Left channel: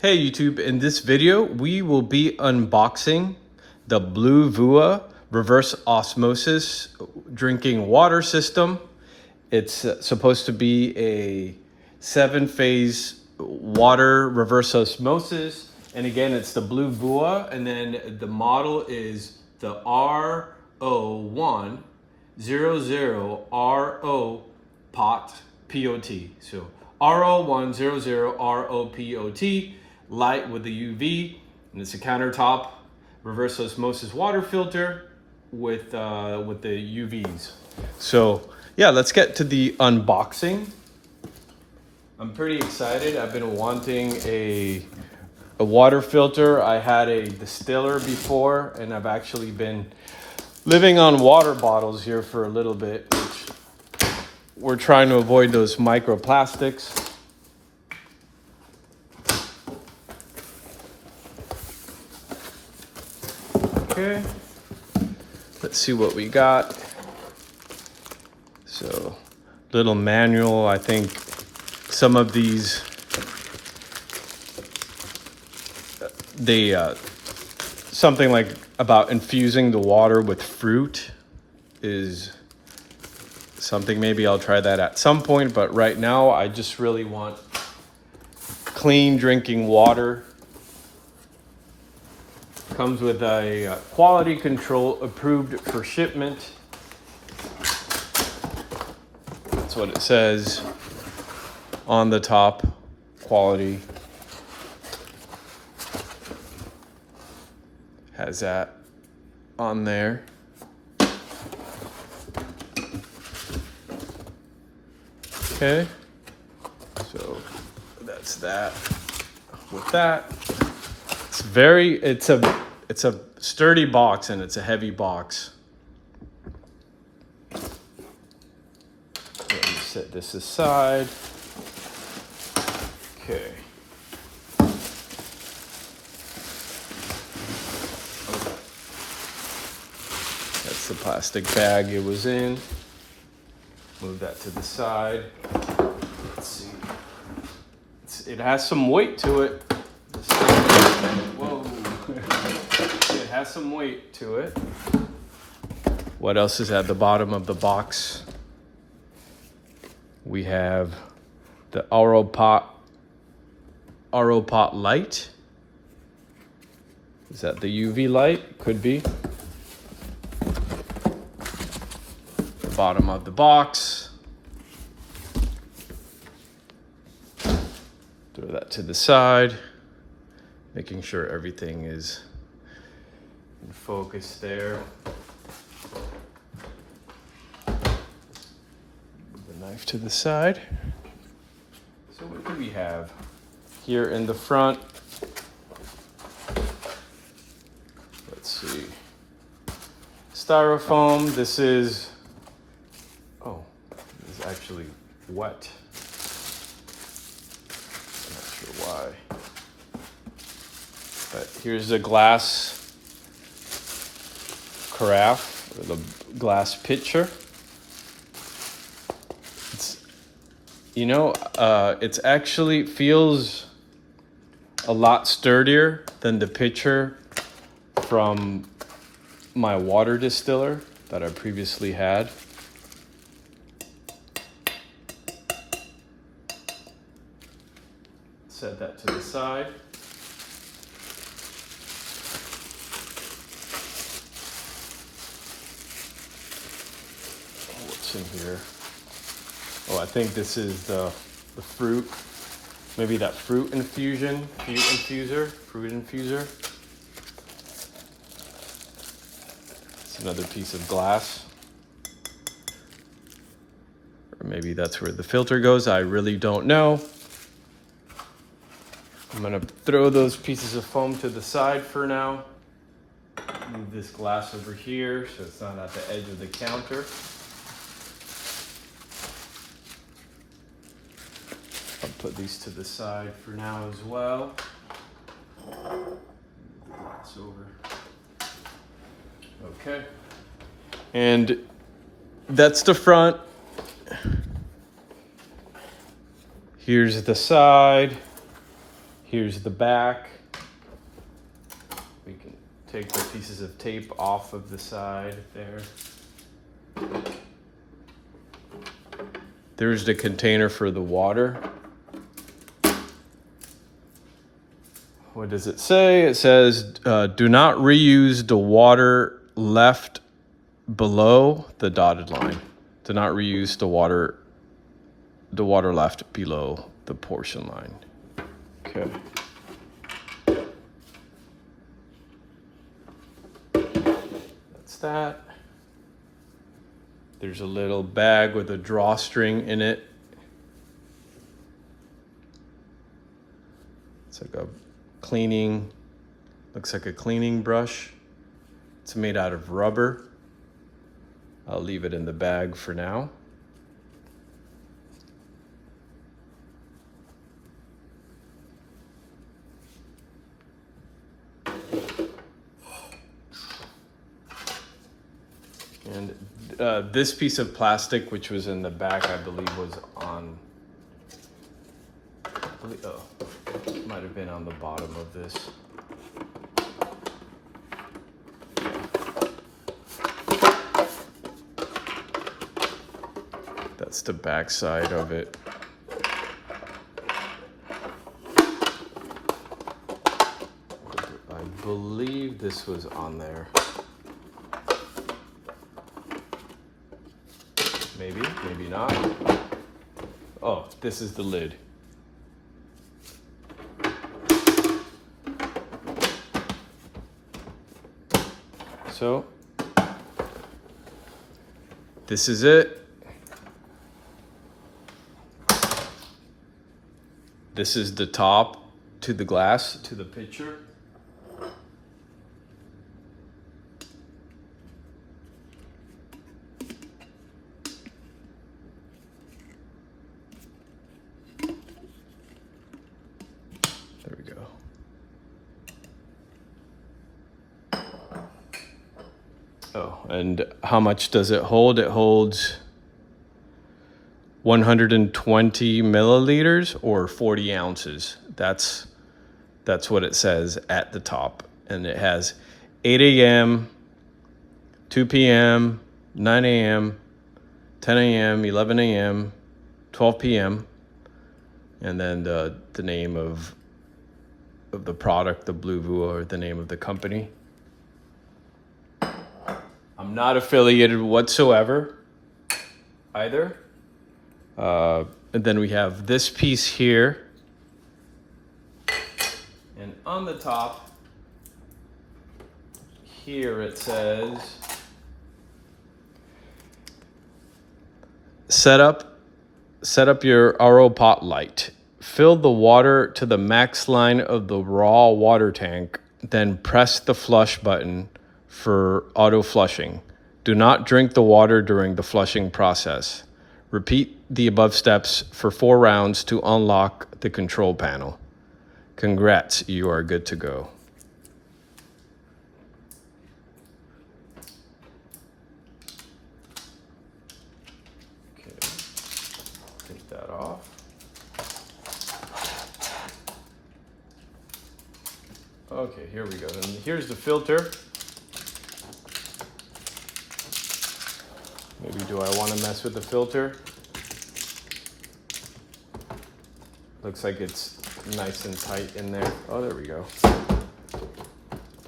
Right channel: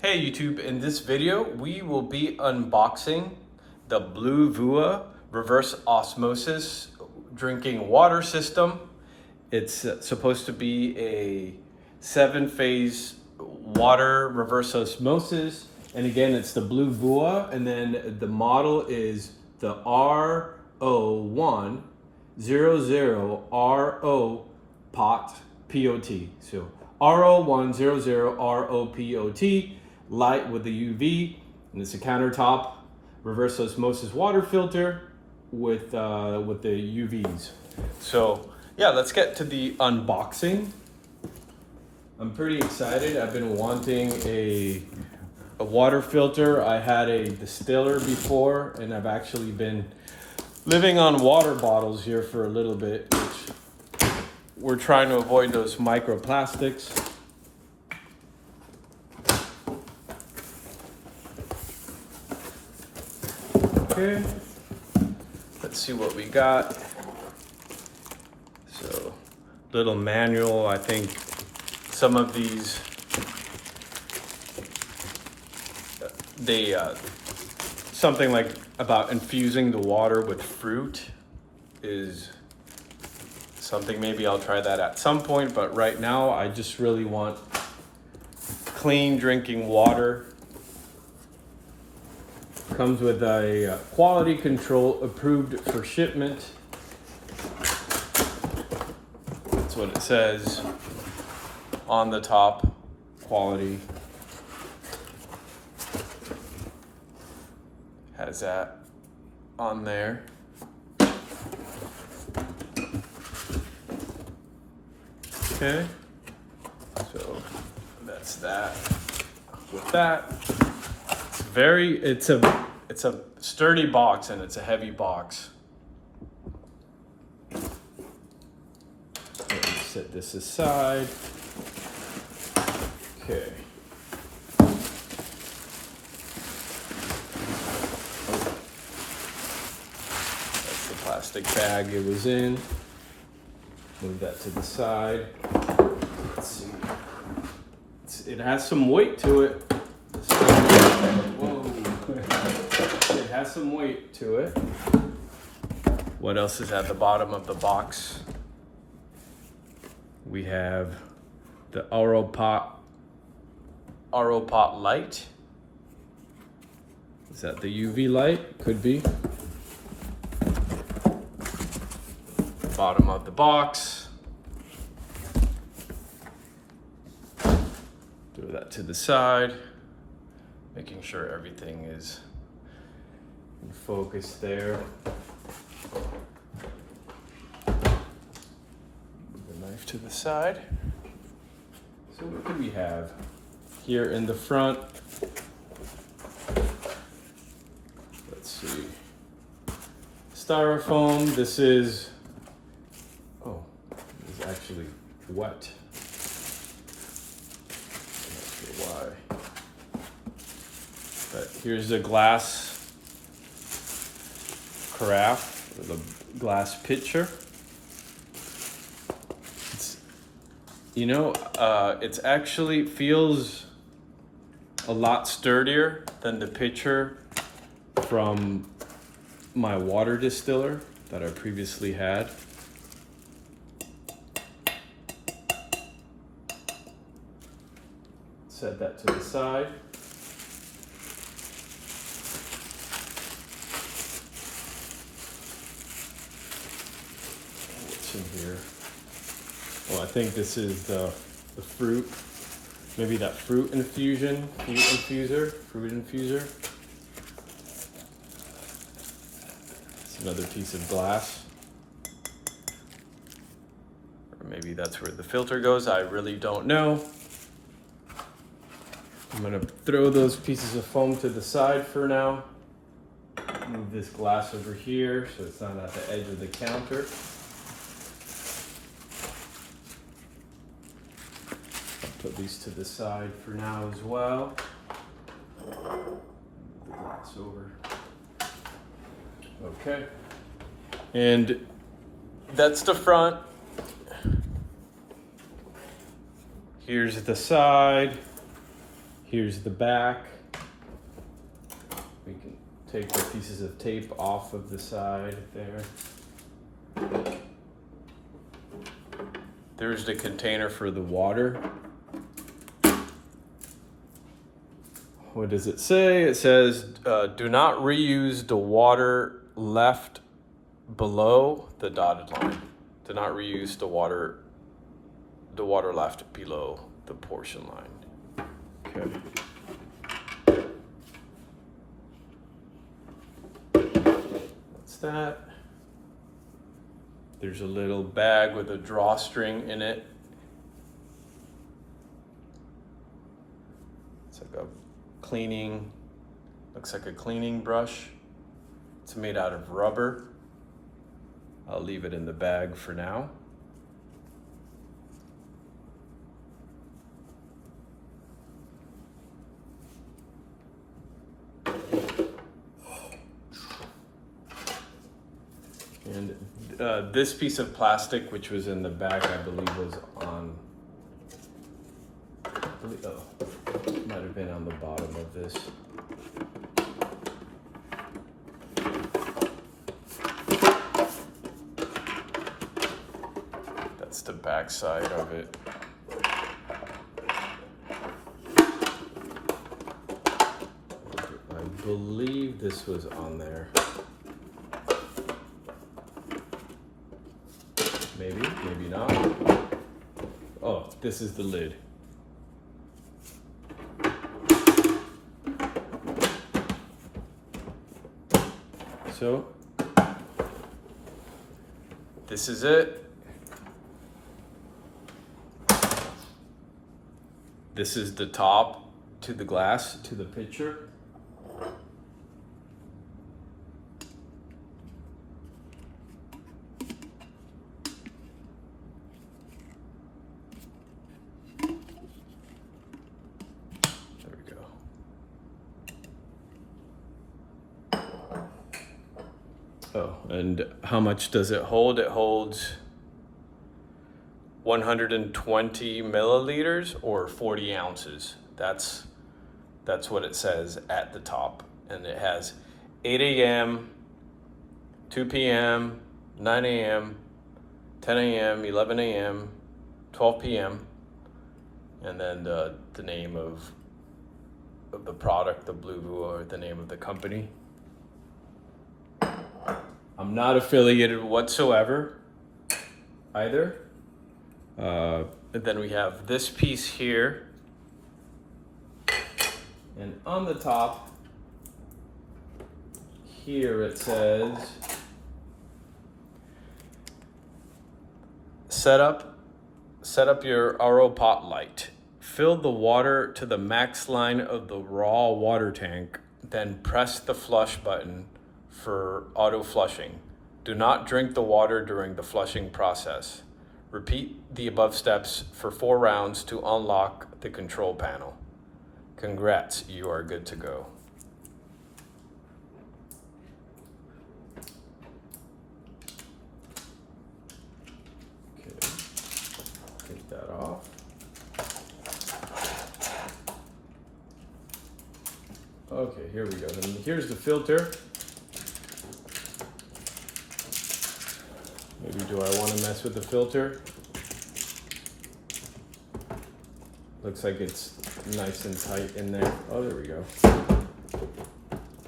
Hey YouTube, in this video we will be unboxing the Bluevua reverse osmosis drinking water system. It's supposed to be a 7-phase water reverse osmosis, and again it's the Bluevua, and then the model is the RO100ROPOT-Lite. So RO100ROPOT Lite with the UV, and it's a countertop reverse osmosis water filter with the UVs. So yeah, let's get to the unboxing. I'm pretty excited. I've been wanting a water filter. I had a distiller before, and I've actually been living on water bottles here for a little bit, which we're trying to avoid those microplastics. Okay, let's see what we got. So, little manual. I think some of these, something like about infusing the water with fruit is something maybe I'll try that at some point, but right now I just really want clean drinking water. Comes with a quality control approved for shipment. That's what it says on the top, quality. Has that on there. Okay, so that's that. With that, it's a sturdy box, and it's a heavy box. Let me set this aside. Okay. That's the plastic bag it was in. Move that to the side. Let's see. It has some weight to it. Whoa. It has some weight to it. What else is at the bottom of the box? We have the ROPOT-Lite. Is that the UV light? Could be. Bottom of the box. Throw that to the side, making sure everything is in focus there. Move the knife to the side. So what do we have here in the front? Let's see. Styrofoam. This is actually wet. I'm not sure why. But here's the glass carafe, or the glass pitcher. It's actually feels a lot sturdier than the pitcher from my water distiller that I previously had. Set that to the side. What's in here? Oh, I think this is the fruit. Maybe that fruit infuser. It's another piece of glass. Or maybe that's where the filter goes. I really don't know. I'm gonna throw those pieces of foam to the side for now. Move this glass over here so it's not at the edge of the counter. I'll put these to the side for now as well. Move the glass over. Okay. And that's the front. Here's the side. Here's the back. We can take the pieces of tape off of the side there. There's the container for the water. What does it say? It says, do not reuse the water left below the dotted line. Do not reuse the water left below the portion line. Okay. That's that. There's a little bag with a drawstring in it. It's like a cleaning, looks like a cleaning brush. It's made out of rubber. I'll leave it in the bag for now. And this piece of plastic, which was in the back, I believe was on, oh, might have been on the bottom of this. That's the back side of it. I believe this was on there. Maybe, maybe not. Oh, this is the lid. So, this is it. This is the top to the glass, to the pitcher. Oh, and how much does it hold? It holds 120 milliliters or 40 ounces. That's what it says at the top. And it has 8 a.m., 2 p.m., 9 a.m., 10 a.m., 11 a.m., 12 p.m., and then the name of the product, the Bluevua, or the name of the company. I'm not affiliated whatsoever either. And then we have this piece here. And on the top here it says, set up your ROPOT-Lite. Fill the water to the max line of the raw water tank, then press the flush button for auto flushing. Do not drink the water during the flushing process. Repeat the above steps for 4 rounds to unlock the control panel. Congrats, you are good to go. Okay, take that off. Okay, here we go. And here's the filter. Maybe do I want to mess with the filter? Looks like it's nice and tight in there. Oh, there we go.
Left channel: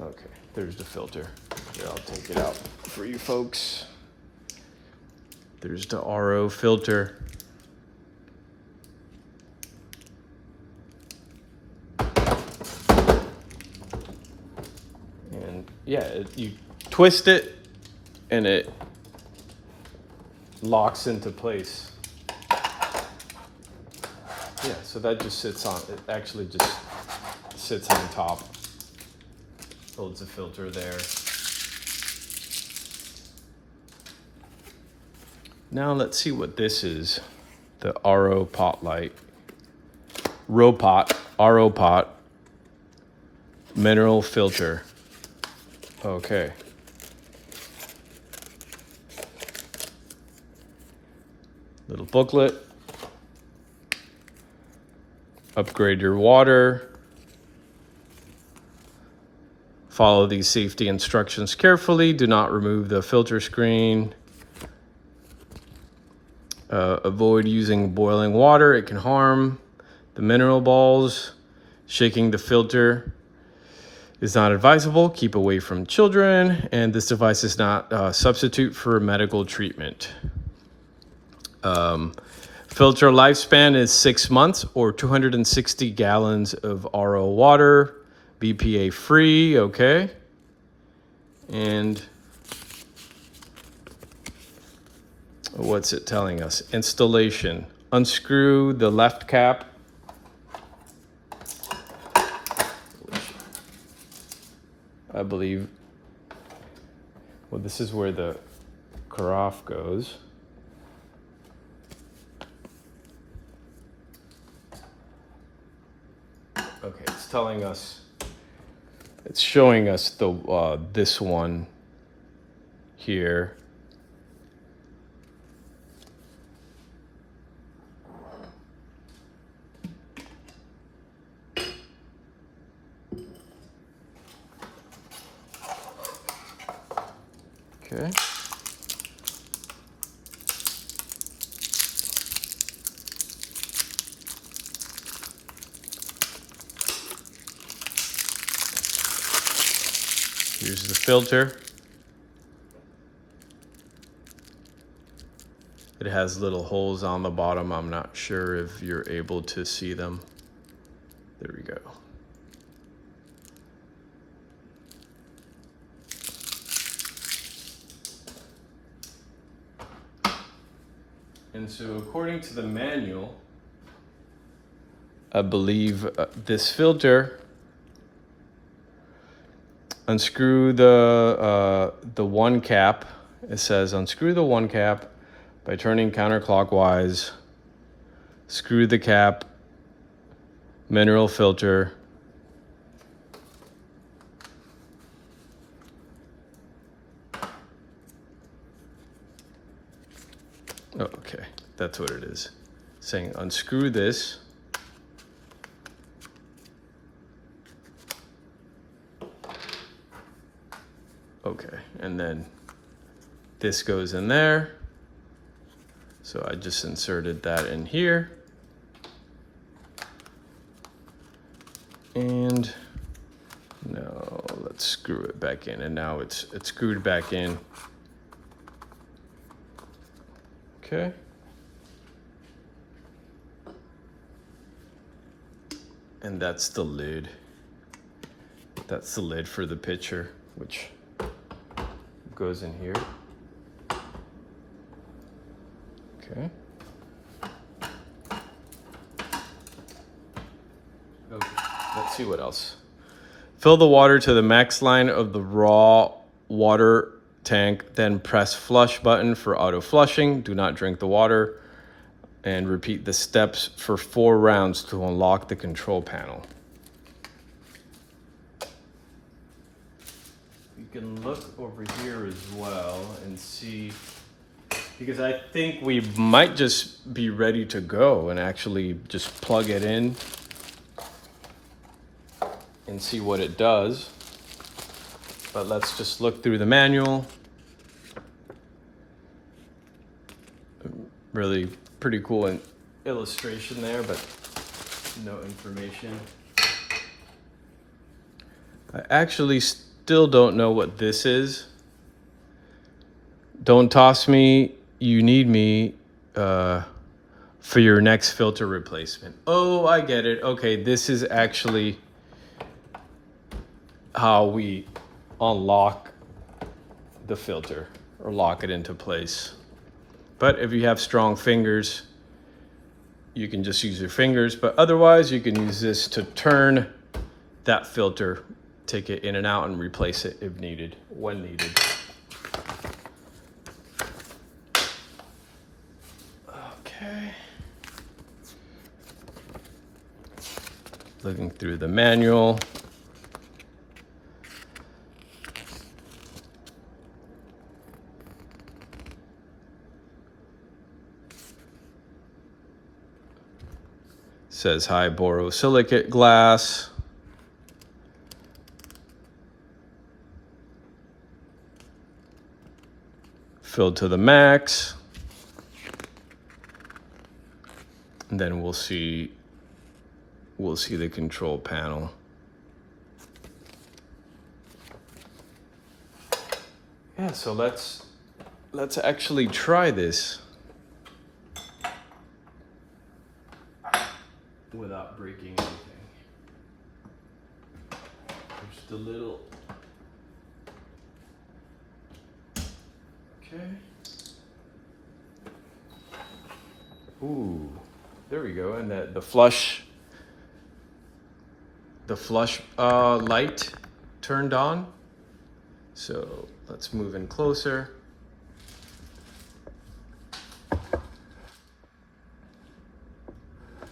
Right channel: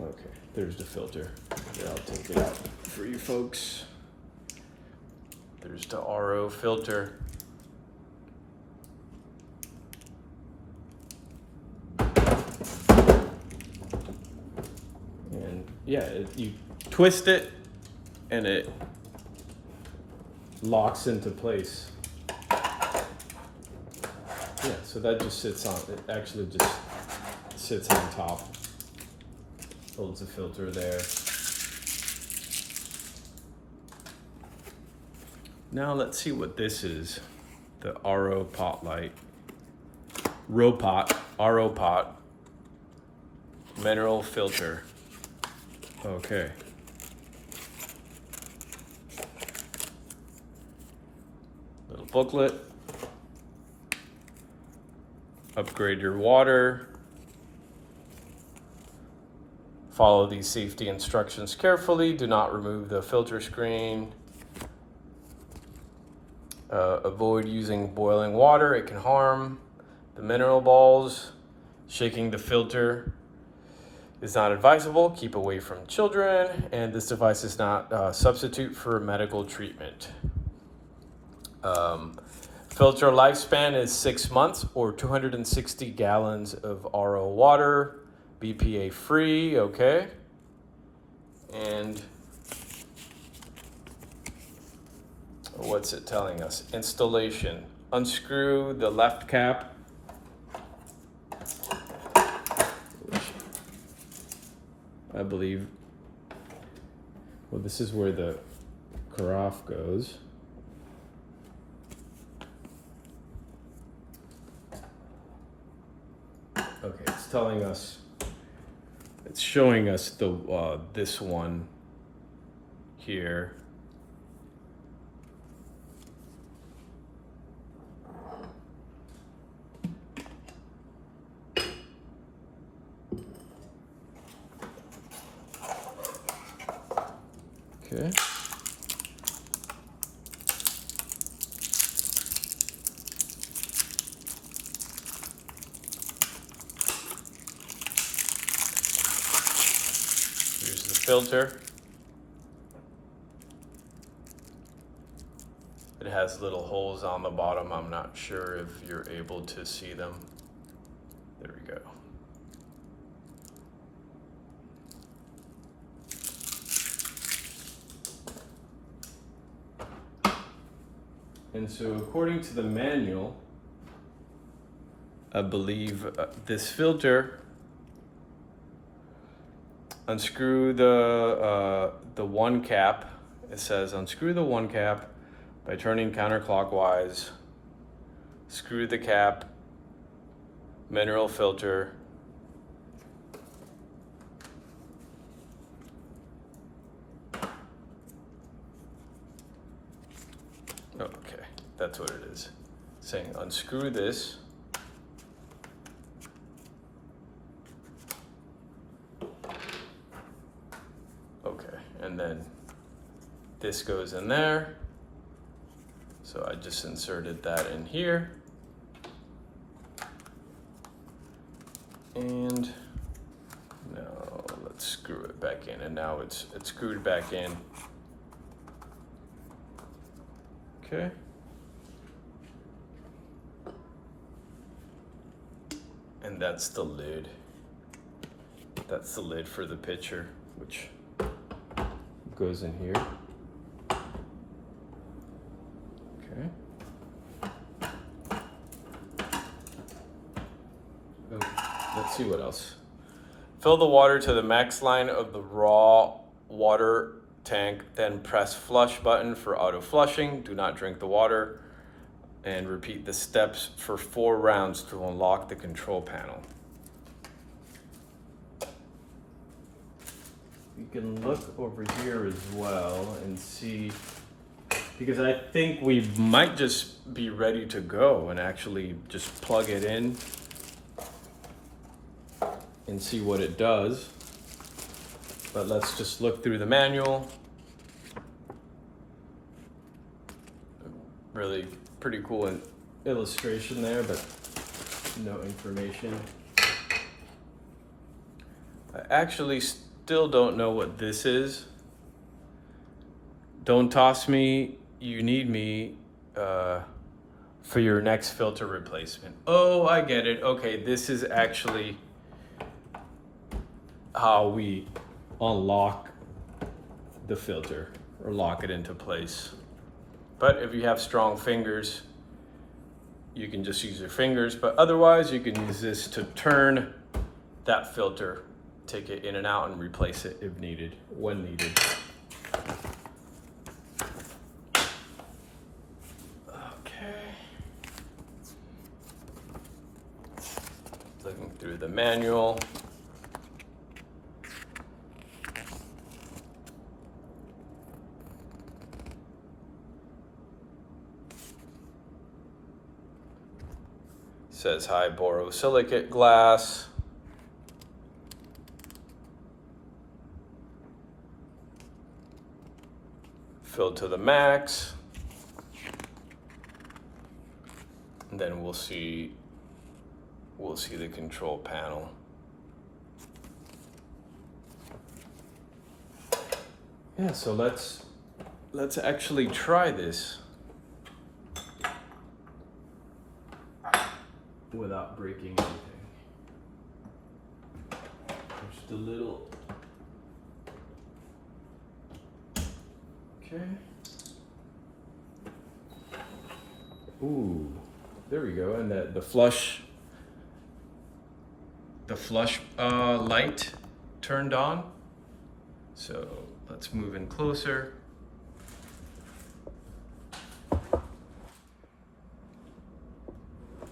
Okay, there's the filter. Here, I'll take it out for you folks. There's the RO filter. And yeah, you twist it and it locks into place. Yeah, so that just sits on, it actually just sits on top. Holds the filter there. Now let's see what this is. The ROPOT-Lite. ROPOT mineral filter. Okay. Little booklet. Upgrade your water. Follow these safety instructions carefully. Do not remove the filter screen. Avoid using boiling water. It can harm the mineral balls. Shaking the filter is not advisable. Keep away from children. And this device is not a substitute for medical treatment. Filter lifespan is 6 months or 260 gallons of RO water, BPA free, okay? And what's it telling us? Installation. Unscrew the left cap. I believe, well, this is where the carafe goes. Okay, it's telling us, it's showing us the this one here. Okay. Here's the filter. It has little holes on the bottom. I'm not sure if you're able to see them. There we go. And so according to the manual, I believe this filter, unscrew the one cap. It says unscrew the one cap by turning counterclockwise, screw the cap, mineral filter, okay, that's what it is. Saying unscrew this. Okay, and then this goes in there. So I just inserted that in here. And no, let's screw it back in. And now it's screwed back in. Okay. And that's the lid. That's the lid for the pitcher, which goes in here. Okay. Okay. Let's see what else. Fill the water to the max line of the raw water tank, then press flush button for auto flushing. Do not drink the water, and repeat the steps for 4 rounds to unlock the control panel. You can look over here as well and see, because I think we might just be ready to go and actually just plug it in and see what it does. But let's just look through the manual. Really pretty cool illustration there, but no information. I actually still don't know what this is. Don't toss me, you need me for your next filter replacement. Oh, I get it. Okay, this is actually how we unlock the filter or lock it into place. But if you have strong fingers, you can just use your fingers, but otherwise you can use this to turn that filter, take it in and out and replace it if needed, when needed. Okay. Looking through the manual. Says high borosilicate glass. fill to the max. And then we'll see the control panel. Yeah, so let's actually try this without breaking anything. Just a little. Okay. Ooh, there we go. And the flush light turned on. So let's move in closer.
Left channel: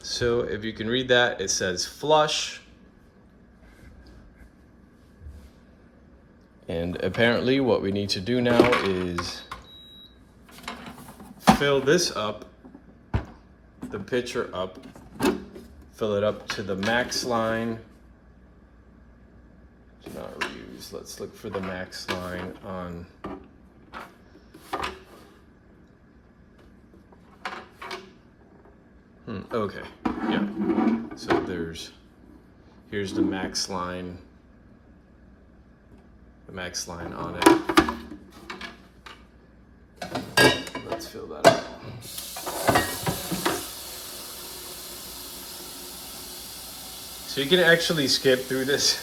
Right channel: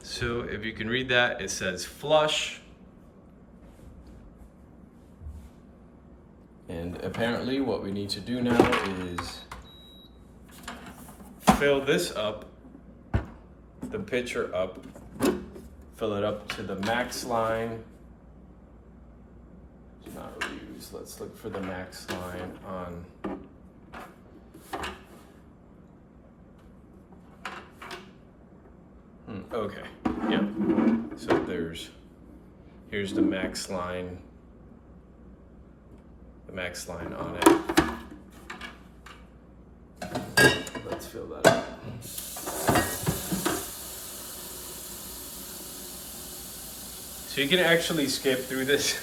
So if you can read that, it says flush. And apparently what we need to do now is fill this up, the pitcher up, fill it up to the max line. It's not reused. Let's look for the max line on. Okay, yeah. So here's the max line. The max line on it. Let's fill that up. So you can actually skip through this.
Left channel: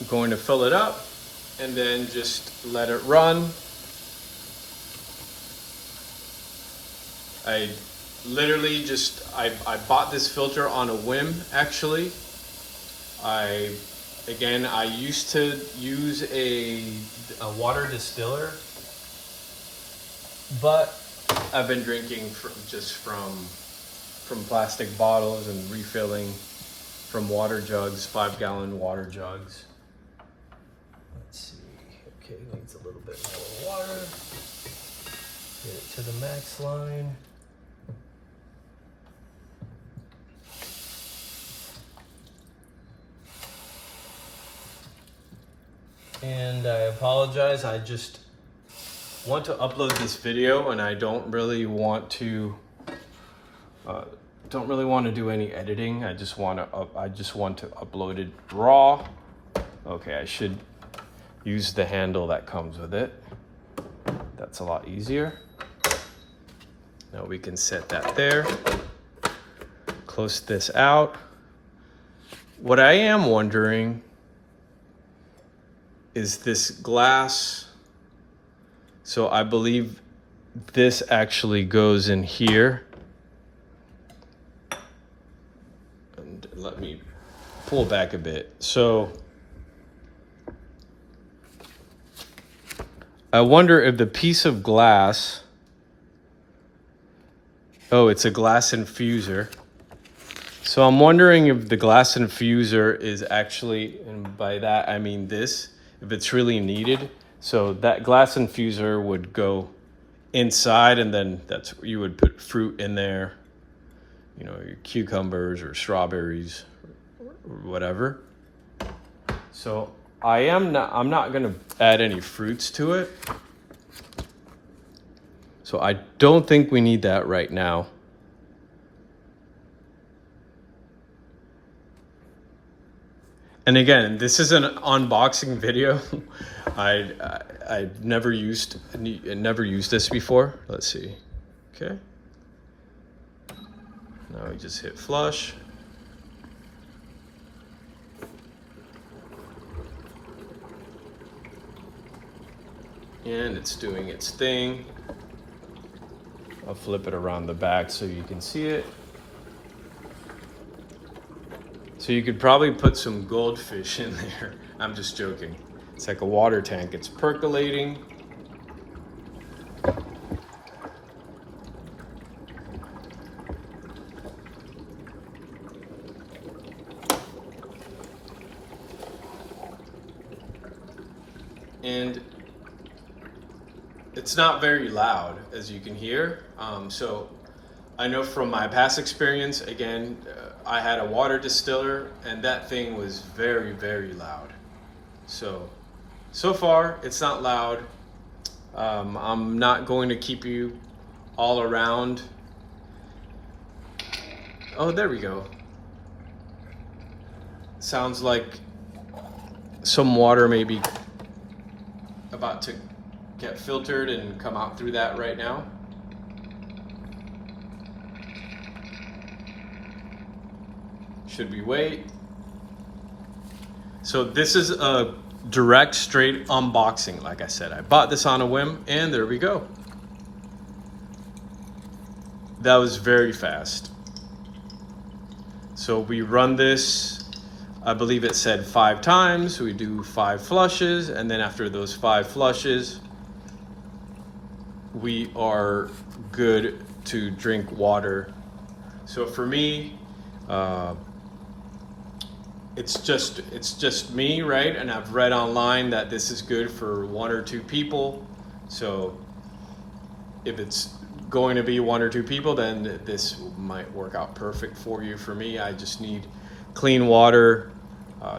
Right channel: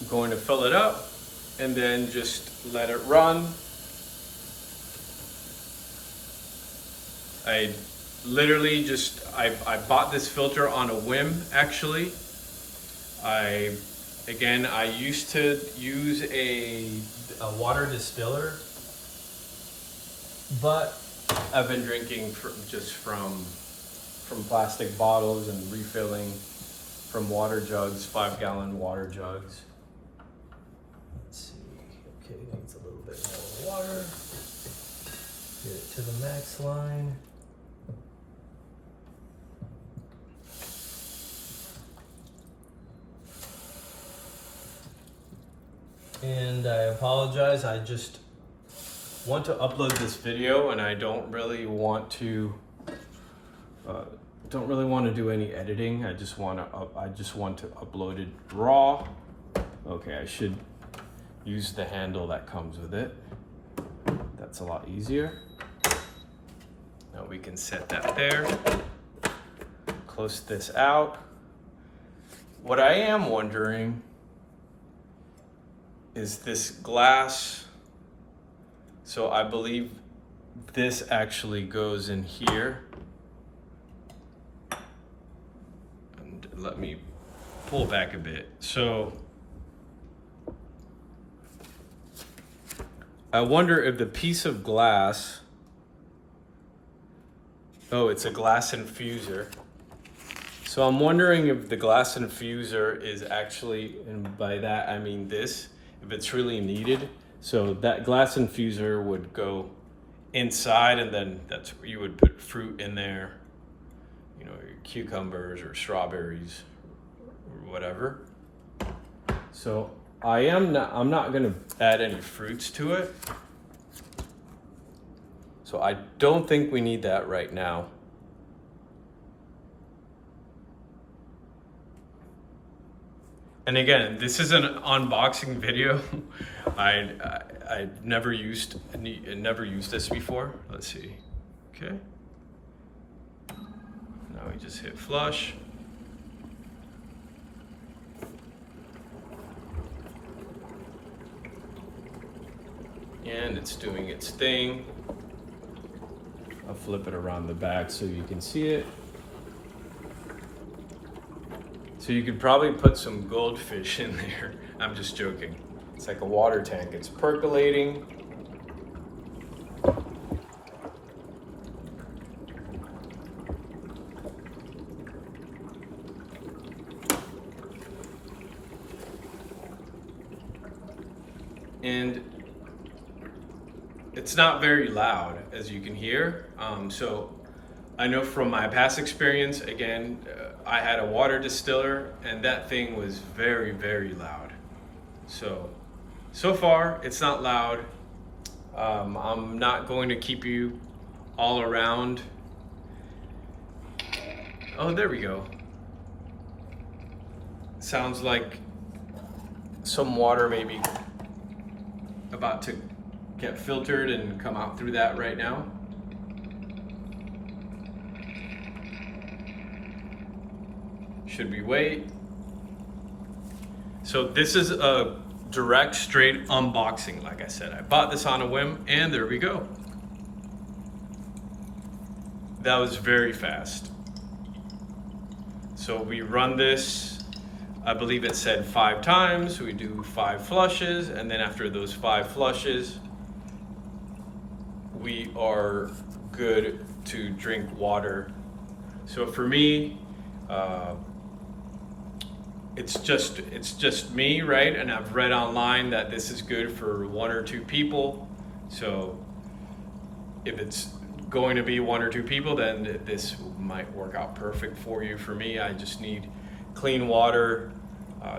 I'm going to fill it up and then just let it run. I literally I bought this filter on a whim, actually. I used to use a water distiller, but I've been drinking from plastic bottles and refilling from water jugs, 5-gallon water jugs. Let's see, okay, needs a little bit more water. Get it to the max line. And I apologize, I just want to upload this video and I don't really want to do any editing. I just want to upload it raw. Okay, I should use the handle that comes with it. That's a lot easier. Now we can set that there. Close this out. What I am wondering is this glass. So I believe this actually goes in here. And let me pull back a bit. So I wonder if the piece of glass, oh, it's a glass infuser. So I'm wondering if the glass infuser is actually, and by that I mean this, if it's really needed. So that glass infuser would go inside, and then you would put fruit in there, you know, your cucumbers or strawberries or whatever. So I'm not gonna add any fruits to it. So I don't think we need that right now. And again, this is an unboxing video. I never used this before. Let's see. Okay. Now we just hit flush. And it's doing its thing. I'll flip it around the back so you can see it. So you could probably put some goldfish in there. I'm just joking. It's like a water tank. It's percolating. And it's not very loud, as you can hear. So I know from my past experience, again, I had a water distiller and that thing was very, very loud. So far it's not loud. I'm not going to keep you all around. Oh, there we go. Sounds like some water may be about to get filtered and come out through that right now. Should we wait? So this is a direct, straight unboxing. Like I said, I bought this on a whim, and there we go. That was very fast. So we run this, I believe it said 5 times. We do 5 flushes, and then after those 5 flushes, we are good to drink water. So for me, it's just me, right? And I've read online that this is good for 1 or 2 people. So if it's going to be 1 or 2 people, then this might work out perfect for you. For me, I just need clean water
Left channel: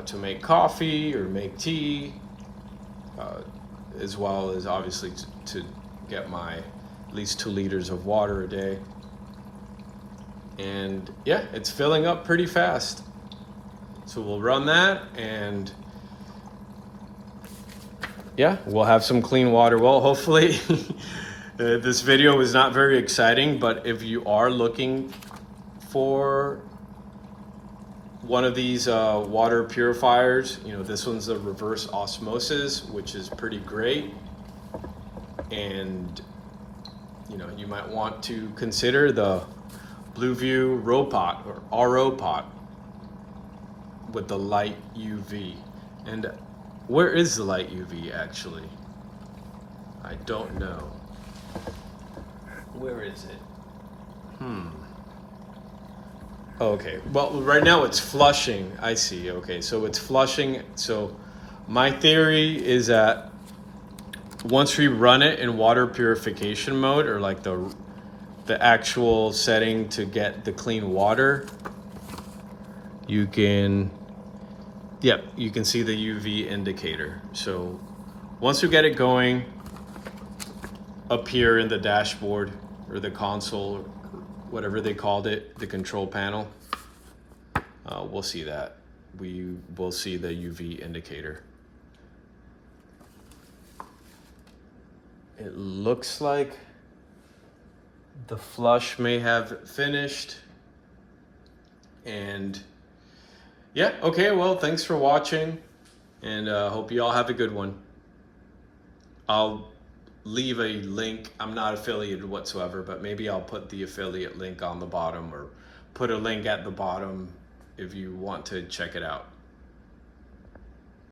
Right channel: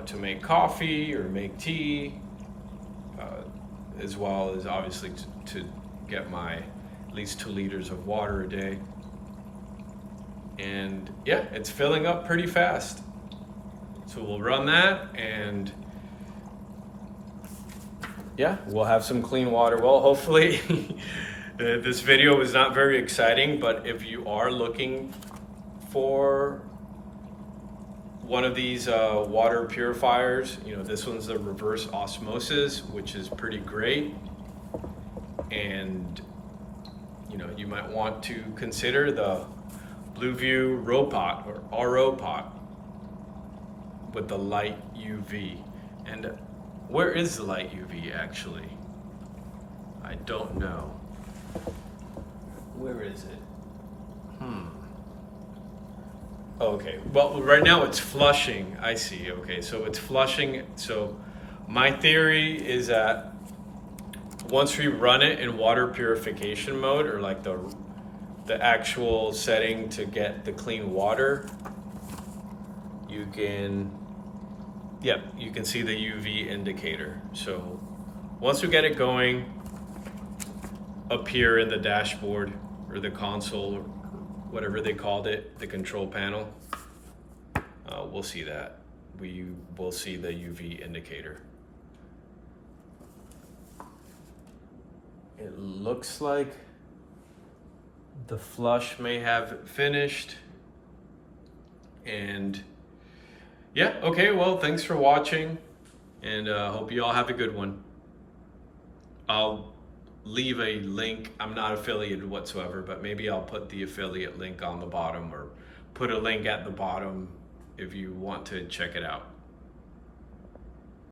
to make coffee or make tea, as well as obviously to get my at least 2 liters of water a day. And yeah, it's filling up pretty fast. So we'll run that, and yeah, we'll have some clean water. Well, hopefully this video was not very exciting, but if you are looking for one of these water purifiers, you know, this one's a reverse osmosis, which is pretty great. And you know, you might want to consider the Bluevua ROPOT or ROPOT with the light UV. And where is the light UV actually? I don't know. Where is it? Okay, well, right now it's flushing. I see. Okay, so it's flushing. So my theory is that once we run it in water purification mode, or like the actual setting to get the clean water, you can, yep, you can see the UV indicator. So once we get it going up here in the dashboard or the console, whatever they called it, the control panel, we'll see that. We will see the UV indicator. It looks like the flush may have finished. And yeah, okay, well, thanks for watching, and hope you all have a good one. I'll leave a link. I'm not affiliated whatsoever, but maybe I'll put the affiliate link on the bottom, or put a link at the bottom if you want to check it out.